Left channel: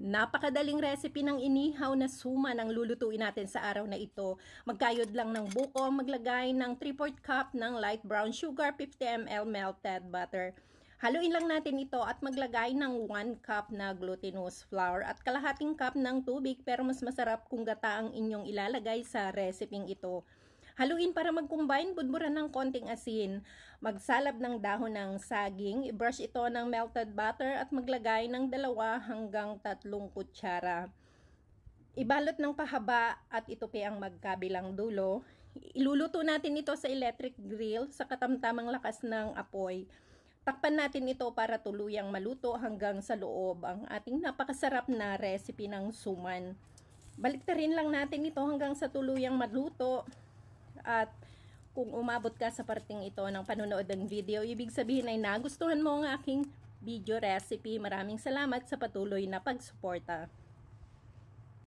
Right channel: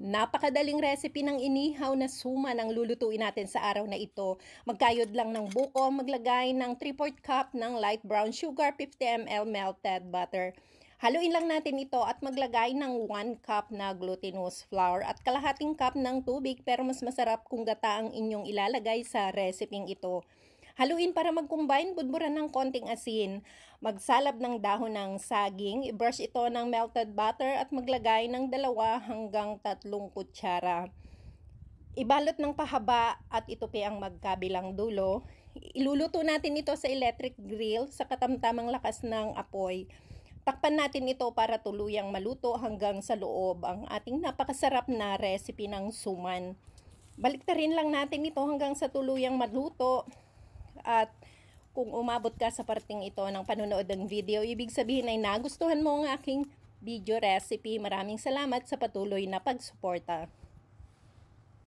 Napakadaling recipe ng inihaw na suman ang lulutuin natin sa araw na ito. Magkayod lang ng buko, maglagay ng 3/4 cup ng light brown sugar, 50 ml melted butter. Haluin lang natin ito at maglagay ng 1 cup na glutinous flour at kalahating cup ng tubig, pero mas masarap kung gata ang inyong ilalagay sa reseping ito. Haluin para mag-combine, budburan ng konting asin. Magsalab ng dahon ng saging, i-brush ito ng melted butter at maglagay ng 2 hanggang 3 kutsara. Ibalot ng pahaba at itupi ang magkabilang dulo. Iluluto natin ito sa electric grill sa katamtamang lakas ng apoy. Takpan natin ito para tuluyang maluto hanggang sa loob ang ating napakasarap na recipe ng suman. Baliktarin lang natin ito hanggang sa tuluyang maluto. At kung umabot ka sa parting ito ng panonood ng video, ibig sabihin ay nagustuhan mo ang aking video recipe. Maraming salamat sa patuloy na pagsuporta.